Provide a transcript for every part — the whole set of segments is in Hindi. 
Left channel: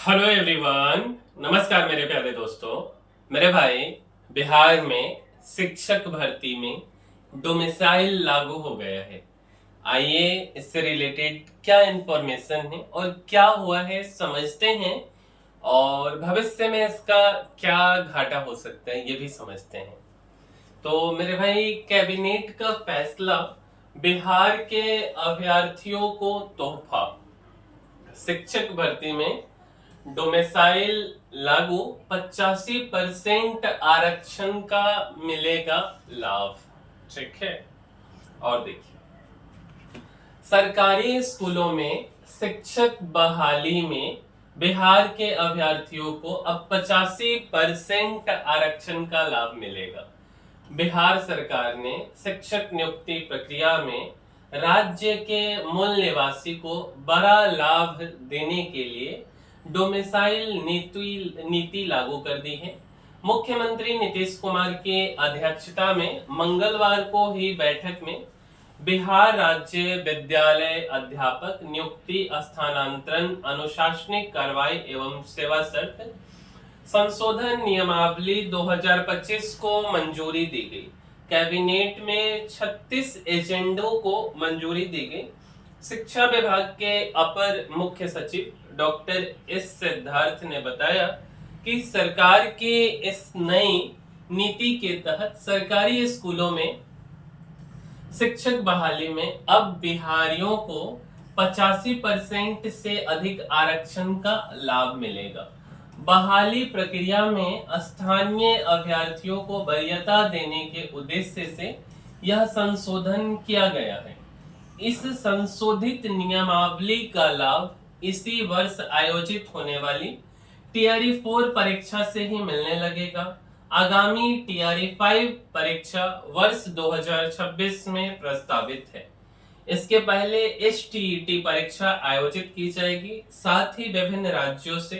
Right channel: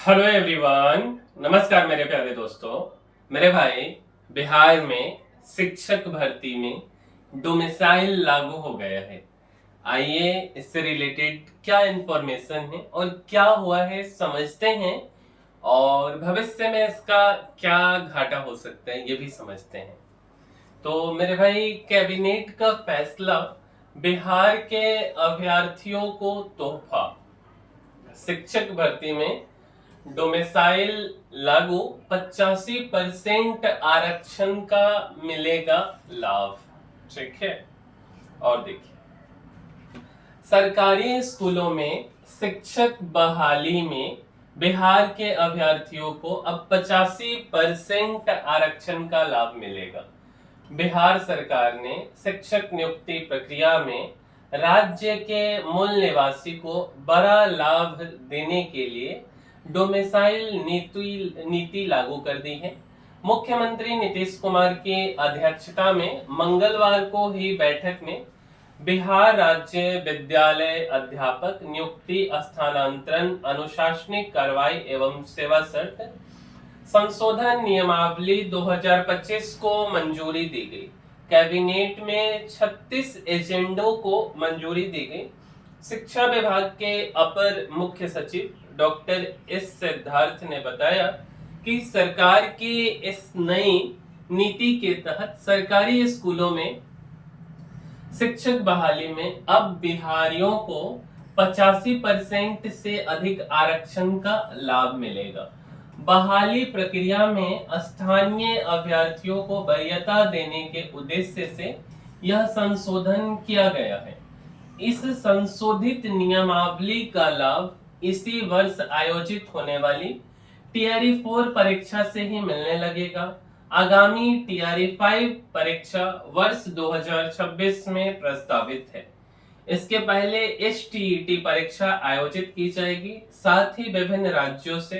Hello everyone. नमस्कार मेरे प्यारे दोस्तों। मेरे भाई, बिहार में शिक्षक भर्ती में डोमिसाइल लागू हो गया है। आइए इससे रिलेटेड क्या इंफॉर्मेशन है और क्या हुआ है समझते हैं, और भविष्य में इसका क्या घाटा हो सकता है ये भी समझते हैं। तो मेरे भाई, कैबिनेट का फैसला, बिहार के अभ्यर्थियों को तोहफा, शिक्षक भर्ती में डोमिसाइल लागू, 85% आरक्षण का मिलेगा लाभ। ठीक है। और देखिए, सरकारी स्कूलों में शिक्षक बहाली में बिहार के अभ्यर्थियों को अब 85% आरक्षण का लाभ मिलेगा। बिहार सरकार ने शिक्षक नियुक्ति प्रक्रिया में राज्य के मूल निवासी को बड़ा लाभ देने के लिए डोमिसाइल नीति लागू कर दी है। मुख्यमंत्री नीतीश कुमार की अध्यक्षता में मंगलवार को हुई बैठक में बिहार राज्य विद्यालय अध्यापक नियुक्ति, स्थानांतरण, अनुशासनिक कार्रवाई एवं सेवा शर्त संशोधन नियमावली 2025 को मंजूरी दी गई। कैबिनेट में 36 एजेंडों को मंजूरी दी गई। शिक्षा विभाग के अपर मुख्य सचिव डॉक्टर एस सिद्धार्थ ने बताया कि सरकार की इस नई नीति के तहत सरकारी स्कूलों में शिक्षक बहाली में अब बिहारियों को 85% से अधिक आरक्षण का लाभ मिलेगा। बहाली प्रक्रिया में स्थानीय अभ्यर्थियों को वरीयता देने के उद्देश्य से यह संशोधन किया गया है। इस संशोधित नियमावली का लाभ इसी वर्ष आयोजित होने वाली टीआरई 4 परीक्षा से ही मिलने लगेगा। आगामी टीआरई 5 परीक्षा वर्ष 2026 में प्रस्तावित है। इसके पहले एसटीईटी परीक्षा आयोजित की जाएगी। साथ ही विभिन्न राज्यों से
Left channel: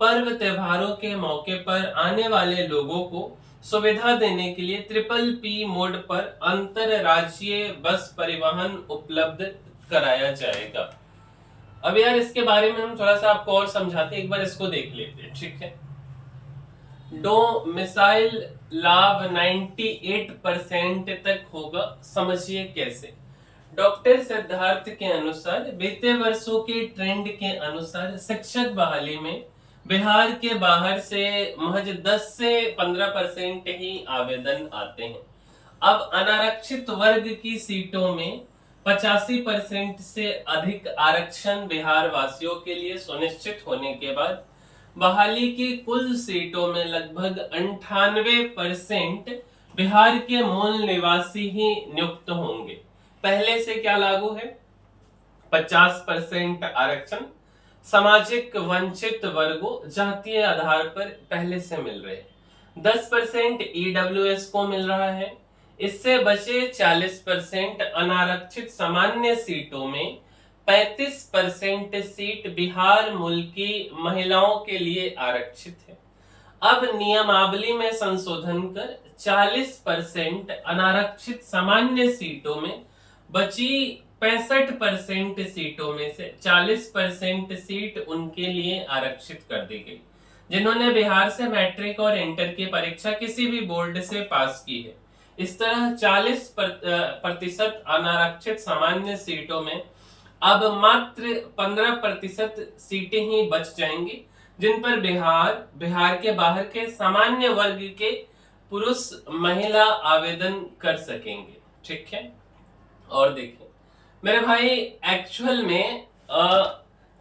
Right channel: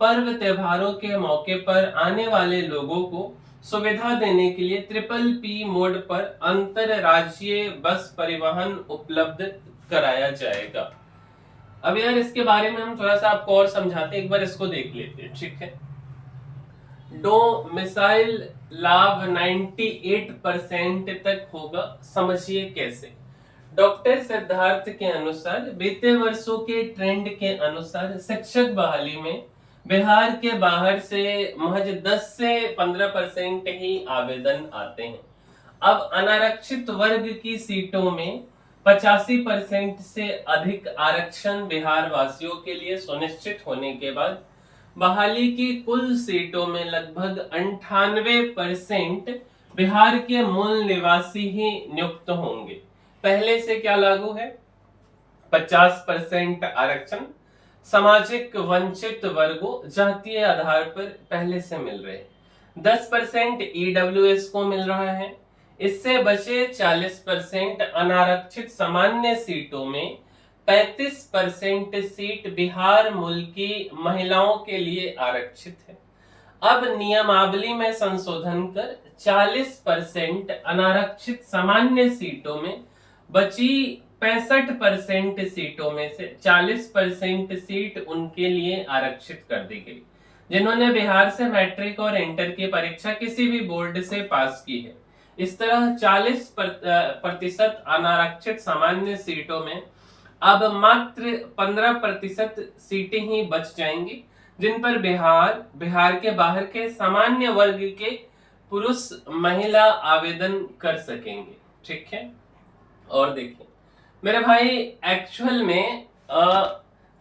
पर्व त्योहारों के मौके पर आने वाले लोगों को सुविधा देने के लिए ट्रिपल पी मोड पर अंतरराज्यीय बस परिवहन उपलब्ध कराया जाएगा। अब यार, इसके बारे में हम थोड़ा सा आपको और समझाते हैं, एक बार इसको देख लेते हैं। ठीक है। डोमिसाइल लाभ 98% तक होगा। समझिए कैसे। डॉक्टर सिद्धार्थ के अनुसार बीते वर्षों के ट्रेंड के अनुसार शिक्षक बहाली में बिहार के बाहर से महज 10 से 15% ही आवेदन आते हैं। अब अनारक्षित वर्ग की सीटों में 85% से अधिक आरक्षण बिहार वासियों के लिए सुनिश्चित होने के बाद बहाली की कुल सीटों में लगभग 98% बिहार के मूल निवासी ही नियुक्त होंगे। पहले से क्या लागू है? 50% आरक्षण सामाजिक वंचित वर्गों, जातीय आधार पर पहले से मिल रहे। 10% ईडब्ल्यूएस को मिल रहा है। इससे बचे 40% अनारक्षित सामान्य सीटों में 35% सीट बिहार मूल की महिलाओं के लिए आरक्षित है। अब नियमावली में संशोधन कर 40% अनारक्षित सामान्य सीटों में बची 65% सीटों में से 40% सीट उनके लिए आरक्षित कर दी गई जिन्होंने बिहार से मैट्रिक और इंटर की परीक्षा किसी भी बोर्ड से पास की है। इस तरह 40% अनारक्षित सामान्य सीटों में अब मात्र 15% सीटें ही बच जाएंगी, जिन पर बिहार के बाहर के सामान्य वर्ग के पुरुष महिला आवेदन कर सकेंगे। ठीक है। और देखिए मेरे भाई, एक्चुअल में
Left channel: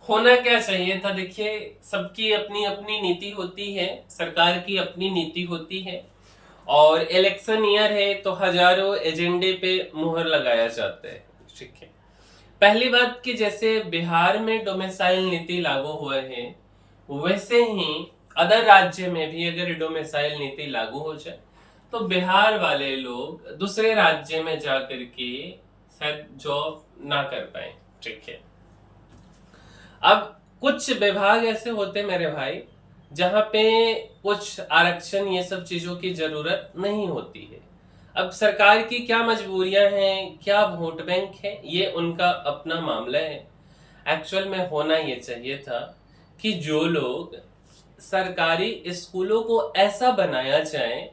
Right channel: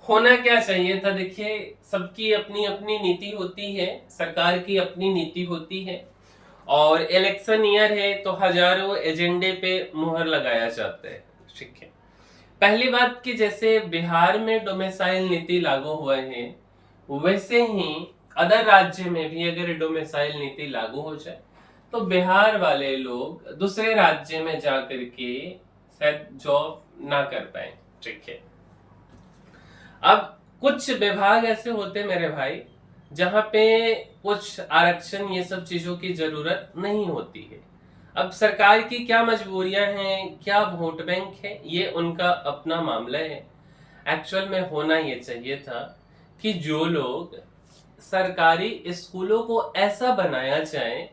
होना क्या चाहिए था। देखिए, सबकी अपनी अपनी नीति होती है, सरकार की अपनी नीति होती है, और इलेक्शन ईयर है तो हजारों एजेंडे पे मुहर लगाया जाता है। ठीक है। पहली बात कि जैसे बिहार में डोमिसाइल नीति लागू हुए हैं, वैसे ही अदर राज्य में भी अगर डोमिसाइल नीति लागू हो जाए तो बिहार वाले लोग दूसरे राज्य में जाकर के शायद जॉब ना कर पाए। ठीक है। अब कुछ विभाग ऐसे होते हैं मेरे भाई, जहां पे कुछ आरक्षण ये सब चीजों की जरूरत नहीं होती है। अब सरकार की क्या मजबूरियां हैं, क्या वोट बैंक है, ये उनका अपना मामला है। एक्चुअल में होना ये चाहिए था कि जो लोग सरकारी स्कूलों को ऐसा बनाया जाए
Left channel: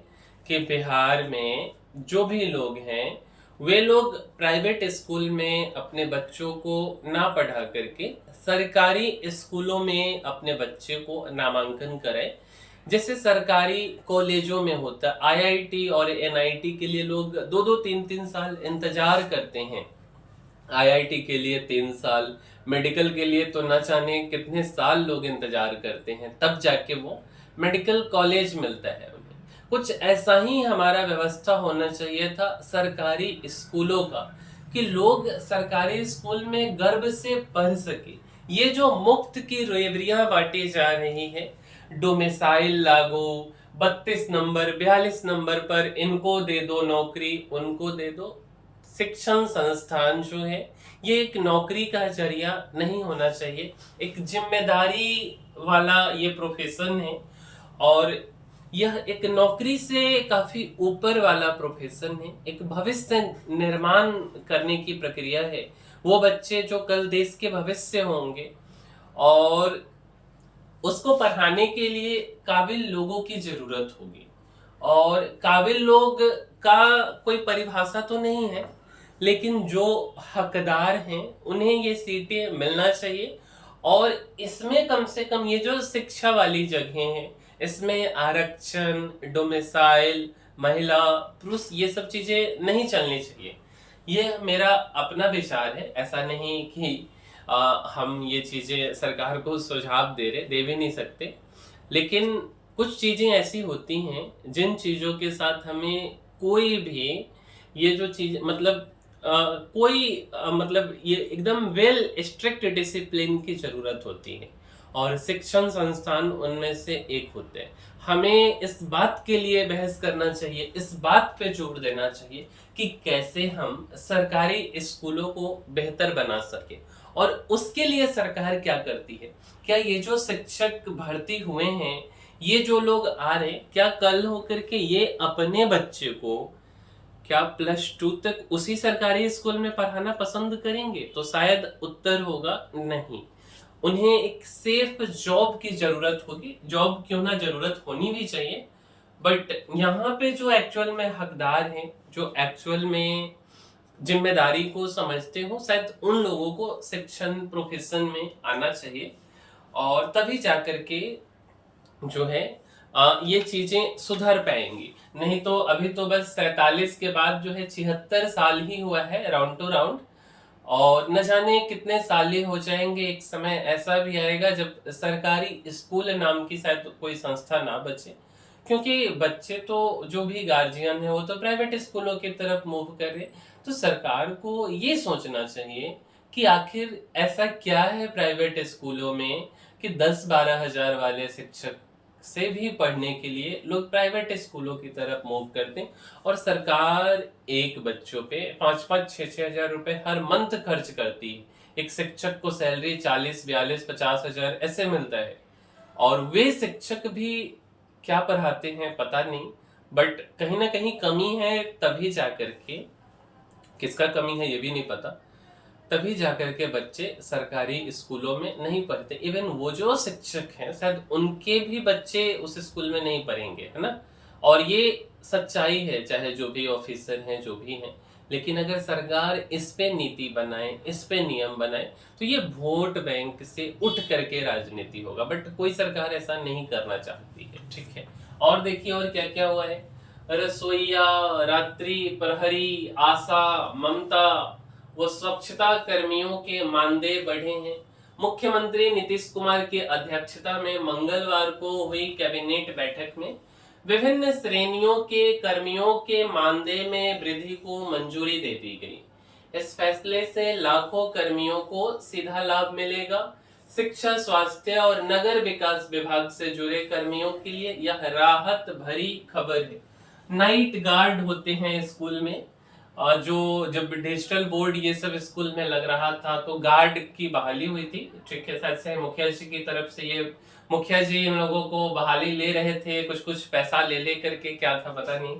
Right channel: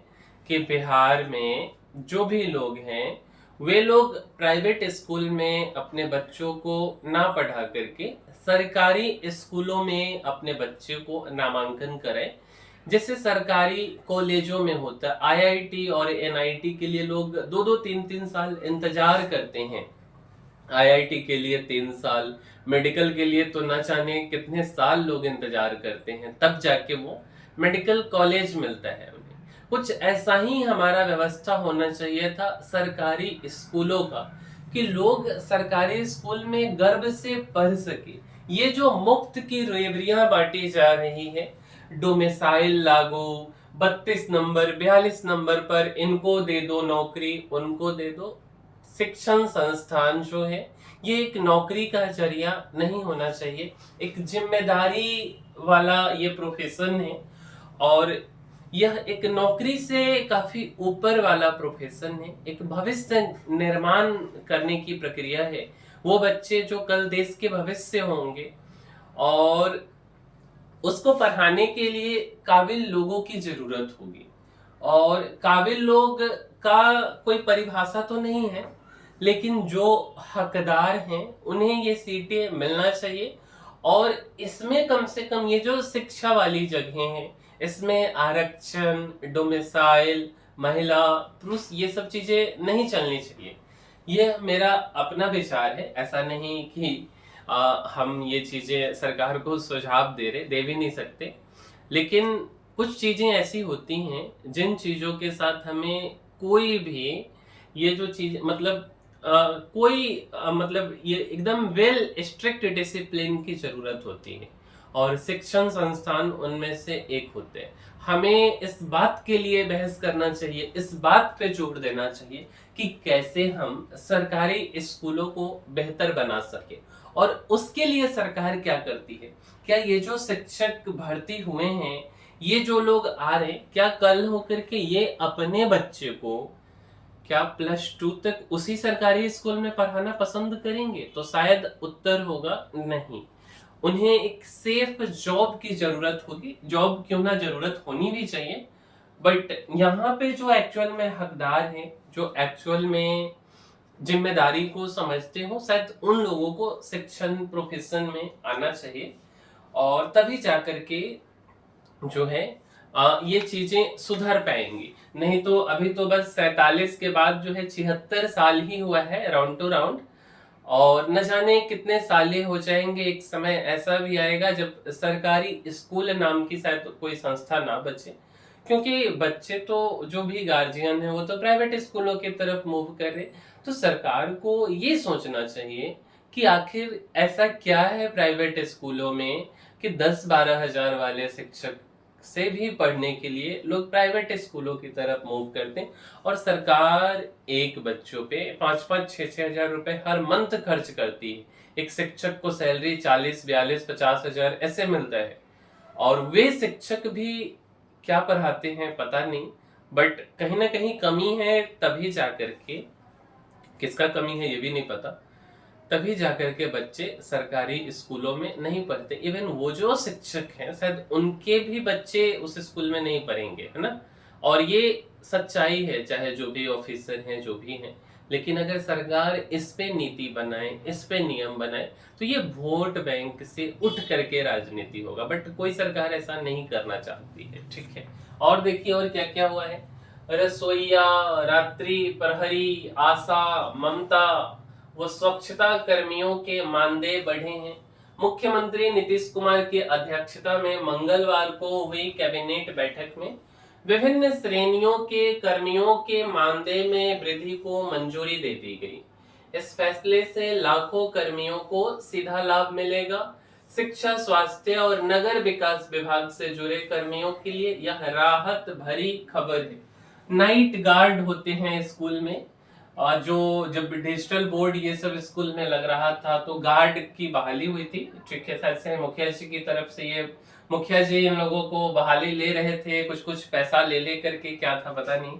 कि बिहार में जो भी लोग हैं वे लोग प्राइवेट स्कूल में अपने बच्चों को ना पढ़ा करके सरकारी स्कूलों में अपने बच्चे को नामांकन करें। जैसे सरकारी कॉलेजों में होता है, आईआईटी और एनआईटी के लिए लोग 2-2 3-3 साल इंतजार करते हैं। आईआईटी के लिए 3 साल, मेडिकल के लिए तो न जाने कितने साल लोग इंतजार करते हैं, तब जाके वो मेडिकल कॉलेज मिलता है उन्हें। कुछ ऐसा ही हमारा व्यवस्था होना चाहिए था सरकारी स्कूलों का, कि लोग सरकारी स्कूल में गर्व से पढ़ सके। ये जो मुफ्त की रेवड़ियां बांटी जा रही है, डोमिसाइल लागू, 32 नंबर 42 नंबर पर इनको दे दो नौकरी, उनको दे दो। शिक्षण संस्थान जो है ये एक नौकरी का जरिया नहीं होना चाहिए, एक जिम्मेदारी वाला ये प्रोफेशन है। और यह एक नौकरी से काफी ऊपर वाला प्रोफेशन है, एक भविष्य निर्माण करने की प्रक्रिया है। वो बच्चे जो कल देश के भविष्य होंगे, और उसको पढ़ाने के लिए काबिल लोगों की जरूरत होगी। और काबिल लोग का कोई परिभाषा तो नहीं है, लेकिन जो हकदार हैं उन्हें ये सीटें मिलना चाहिए। और इसमें कम से कम ये जो शिक्षा वाली जगह हैं, इसमें आरक्षण, डोमिसाइल, महिला पुरुष, ये सब चीजें नहीं चलनी चाहिए। ये मेरा अपना विचार है, ऐसा नहीं कि हम ये चीजें सरकार को सुझाव दे भी नहीं सकते। लेकिन कुछ चीजें ऐसी होती हैं जिन चीजों के साथ हमें कोई भी ये जो चीज मतलब मतलब ये एकदम वेल स्ट्रिक्ट डिसिप्लिन की जरूरत होती है, और शिक्षण संस्थान उनमें से एक होते हैं। हमें इस बात के लिए बहस करना चाहिए, इस बात पे जोर देना चाहिए कि कैसे हम सरकारी स्कूलों को बेहतर बना सके। और उसके लिए सरकार क्या करती है? क्या ये जो शिक्षक भर्ती हुए हैं, ये जो लोग आ रहे हैं, क्या कल होकर के ये अपने बच्चे को क्या +2 तक उसी सरकारी स्कूल में पढ़ाना पसंद करेंगे? तो शायद उत्तर होगा नहीं। उन्हें एक सेफ जॉब की जरूरत होगी। जॉब क्यों ना, जरूरत होनी भी चाहिए, बट यहाँ पे जो एक्चुअल में हकदार हैं, जो एक्चुअल में जिम्मेदारी को समझते हो, शायद उन लोगों को शिक्षण प्रोफेशन में आना चाहिए। और तभी जाकर के जो है ये चीजें सुधर पाएंगी। नहीं तो अभी तो बस 47 के बाद जो है 76 साल ही हुआ है राउंड टू राउंड, और न जाने कितने साल ही हो जाएंगे। एक समय ऐसा भी आएगा जब सरकारी स्कूल नाम की शायद कोई संस्था ना बचे, क्योंकि बच्चे तो जो भी गार्जियन है वो तो प्राइवेट स्कूलों की तरफ मूव कर रहे। तो सरकार को ये सोचना चाहिए कि आखिर ऐसा क्या है प्राइवेट स्कूलों में कि 10-12 हजार वाले शिक्षक से भी पढ़ने के लिए लोग प्राइवेट स्कूलों की तरफ मूव करते हैं, और सरकार एक बच्चों पे 5-5 6-6 हजार रुपए हर मंथ खर्च करती है। एक शिक्षक को सैलरी 40-42-50 हजार ऐसे मिलता है, और वे शिक्षक भी क्या पढ़ाते हैं पता नहीं, बट कहीं ना कहीं कमी है। तभी जाकर के, किसका कमी है ये भी नहीं पता, तभी जाकर के बच्चे सरकारी स्कूलों में नहीं पढ़ते। इवन वो जो शिक्षक हैं शायद उनके भी बच्चे उस स्कूल में नहीं पढ़ेंगे, है ना। और ये सच्चाई है, चाहे जो भी ऑफिसर हैं जो भी हैं। लेकिन अगर सरकार इस पे नीति बनाए, इस पे नियम बनाए, तो ये वोट बैंक से उठ करके राजनीति होगा। बट कोई सरकार ऐसा नहीं करना चाहती है, ठीक है। और देखिए और क्या क्या हुआ है। रसोईया, रात्रि प्रहरी, आशा, ममता वो स्वच्छता कर्मियों के मानदेय बढ़े हैं। मुख्यमंत्री नीतीश कुमार की अध्यक्षता में मंगलवार को हुई कैबिनेट बैठक में विभिन्न श्रेणियों के कर्मियों के मानदेय में वृद्धि को मंजूरी दे दी गई। इस फैसले से लाखों कर्मियों को सीधा लाभ मिलेगा। शिक्षा, स्वास्थ्य और नगर विकास विभाग से जुड़े कर्मियों के लिए यह राहत भरी खबर है। नाइट गार्ड होते हैं स्कूल में, जो जब डिजिटल बोर्ड ये सब स्कूल में लग रहा था तो गार्ड की बहाली हुई थी, ठीक है। शायद से मुखिया जी की तरफ से ये मुखिया जी इन लोगों को बहाली ले रहे थे, कुछ पैसा ले करके, क्या था पता नहीं।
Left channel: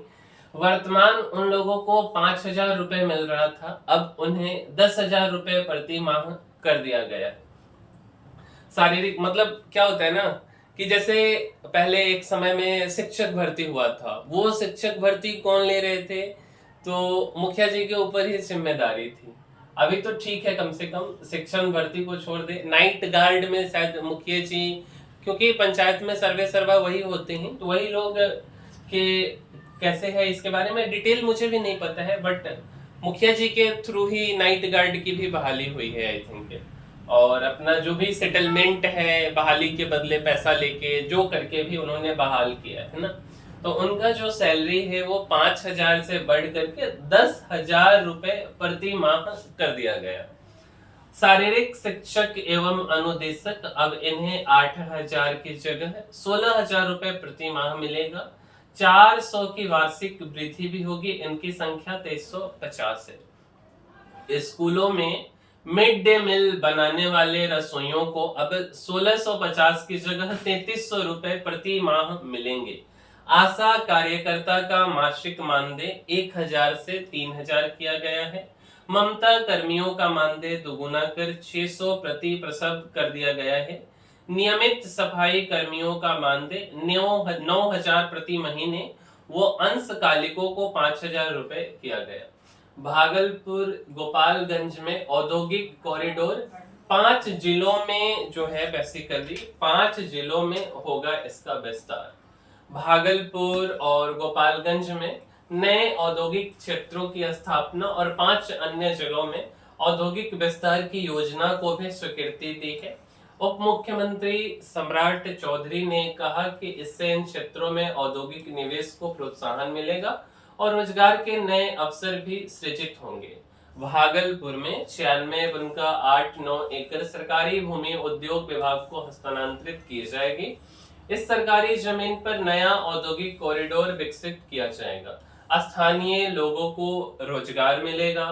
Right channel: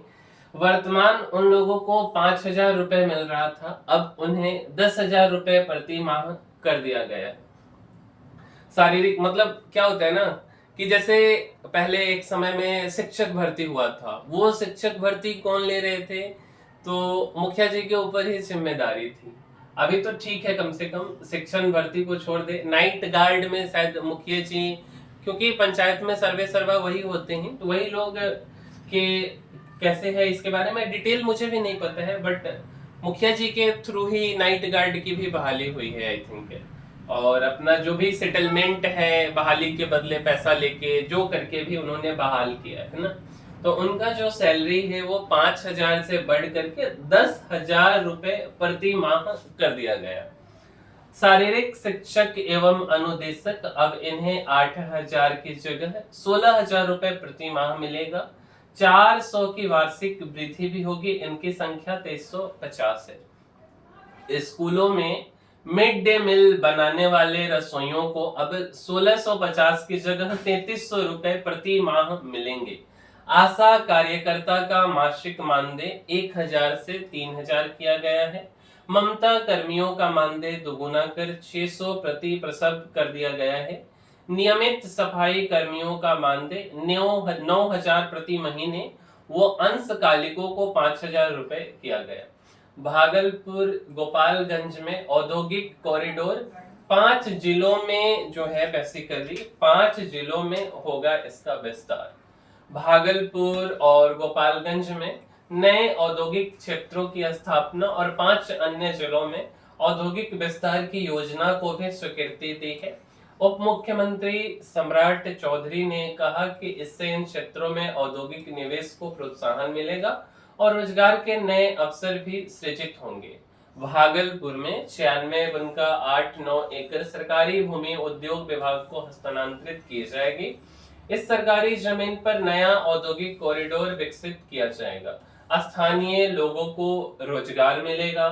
वर्तमान उन लोगों को 5,000 रुपए मिल रहा था, अब उन्हें 10,000 रुपए प्रति माह कर दिया गया है। शारीरिक मतलब क्या होता है ना कि जैसे पहले एक समय में शिक्षक भर्ती हुआ था, वो शिक्षक भर्ती कौन ले रहे थे, तो मुखिया जी के ऊपर ही जिम्मेदारी थी। अभी तो ठीक है, कम से कम शिक्षण भर्ती को छोड़ दे, नाइट गार्ड में शायद मुखिया जी, क्योंकि पंचायत में सर्वे सर्वा वही होते हैं, तो वही लोग के कैसे है इसके बारे में डिटेल मुझे भी नहीं पता है, बट मुखिया जी के थ्रू ही नाइट गार्ड की भी बहाली हुई है आई थिंक। और अपना जो भी सेटलमेंट है बहाली के बदले पैसा लेके जो करके भी उन्होंने बहाल किया है ना, तो उनका जो सैलरी है वो 5,000 से बढ़ करके 10,000 रुपए प्रति माह कर दिया गया। शारीरिक शिक्षक एवं अनुदेशक अब इन्हें 8,000 की जगह 16,000 रुपए प्रति माह मिलेगा। 400 की वार्षिक वृद्धि भी होगी। इनकी संख्या 2350 है। स्कूलों में मिड डे मील बनाने वाले रसोइयों को अब 1650 की जगह 3300 रुपए प्रति माह मिलेंगे। आशा कार्यकर्ता का मासिक मानदेय 1,000 से 3,000 किया गया है। ममता कर्मियों का मानदेय दोगुना कर 600 प्रति प्रसव कर दिया गया है। नियमित सफाई कर्मियों का मानदेय 9,000 प्रति महीने, वो अंशकालिकों को 5,000 रुपए किया गया। भागलपुर गोपालगंज में औद्योगिक कॉरिडोर 5 जिलों में जो है बेसिकली 5 जिलों में होगा इसका विस्तार। भागलपुर और गोपालगंज में नए औद्योगिक क्षेत्रों की स्थापना और 5 अन्य जिलों में औद्योगिक विस्तार की योजना को भी स्वीकृति दी है। उप मुख्यमंत्री सम्राट चौधरी ने कहा कि इससे इन क्षेत्रों में औद्योगिक निवेश को प्रोत्साहन मिलेगा और रोजगार के नए अवसर भी सृजित होंगे। भागलपुर में 96.89 एकड़ सरकारी भूमि उद्योग विभाग को हस्तांतरित की जाएगी। इस सरकारी जमीन पर नया औद्योगिक कॉरिडोर विकसित किया जाएगा। स्थानीय लोगों को रोजगार मिलेगा।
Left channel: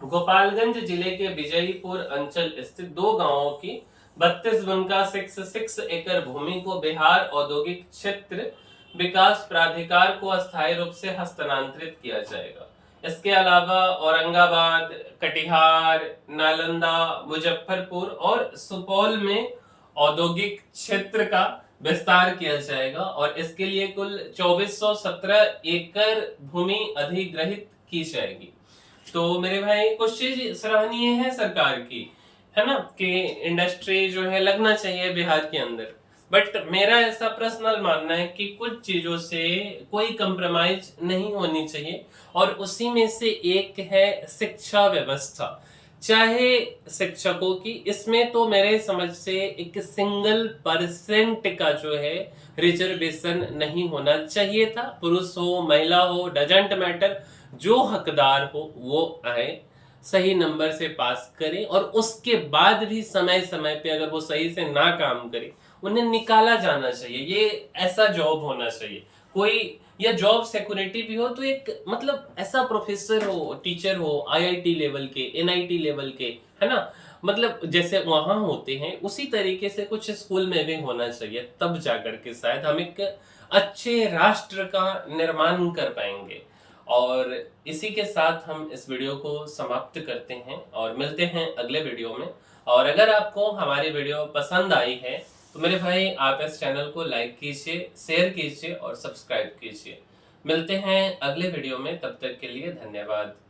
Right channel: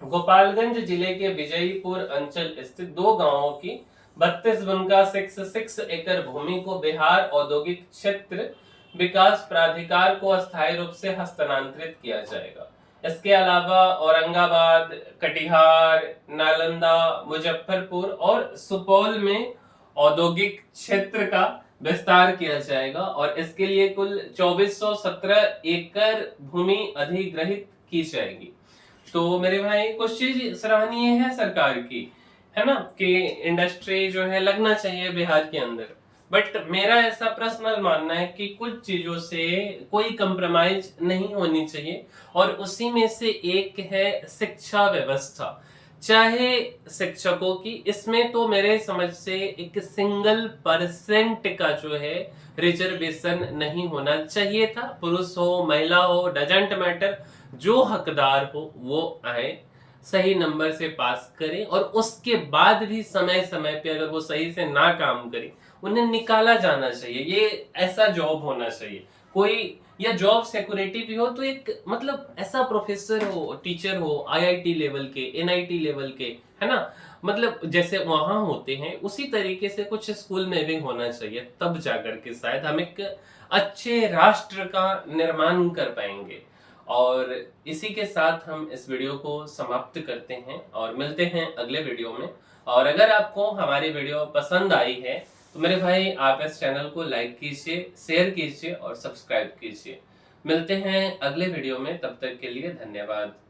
गोपालगंज जिले के विजयपुर अंचल स्थित 2 गांवों की 32.66 एकड़ भूमि को बिहार औद्योगिक क्षेत्र विकास प्राधिकार को अस्थायी रूप से हस्तांतरित किया जाएगा। इसके अलावा औरंगाबाद, कटिहार, नालंदा, मुजफ्फरपुर और सुपौल में औद्योगिक क्षेत्र का विस्तार किया जाएगा और इसके लिए कुल 2417 एकड़ भूमि अधिग्रहित की जाएगी। तो मेरे भाई कुछ चीज सराहनीय है सरकार की, है ना, कि इंडस्ट्री जो है लगना चाहिए बिहार के अंदर। बट मेरा ऐसा पर्सनल मानना है कि कुछ चीजों से कोई कंप्रोमाइज नहीं होनी चाहिए और उसी में से एक है शिक्षा व्यवस्था। चाहे शिक्षकों की, इसमें तो मेरे समझ से एक सिंगल% का जो है रिजर्वेशन नहीं होना चाहिए था। पुरुष हो महिला हो डजंट मैटर, जो हकदार हो वो आए, सही नंबर से पास करें और उसके बाद भी समय समय पे अगर वो सही से ना काम करें उन्हें निकाला जाना चाहिए। ये ऐसा जॉब होना चाहिए कोई, या जॉब सिक्योरिटी भी हो तो एक मतलब ऐसा प्रोफेसर हो, टीचर हो, आईआईटी लेवल के, एनआईटी लेवल के, है ना, मतलब जैसे वहां होते हैं उसी तरीके से कुछ स्कूल में भी होना चाहिए। तब जाकर के शायद हम एक अच्छे राष्ट्र का निर्माण कर पाएंगे। और इसी के साथ हम इस वीडियो को समाप्त करते हैं और मिलते हैं अगले वीडियो में। और अगर आपको हमारी वीडियो पसंद आई है तो मेरे भाई आप इस चैनल को लाइक कीजिए, शेयर कीजिए और सब्सक्राइब कीजिए। मिलते हैं अगले वीडियो में, तब तक के लिए धन्यवाद।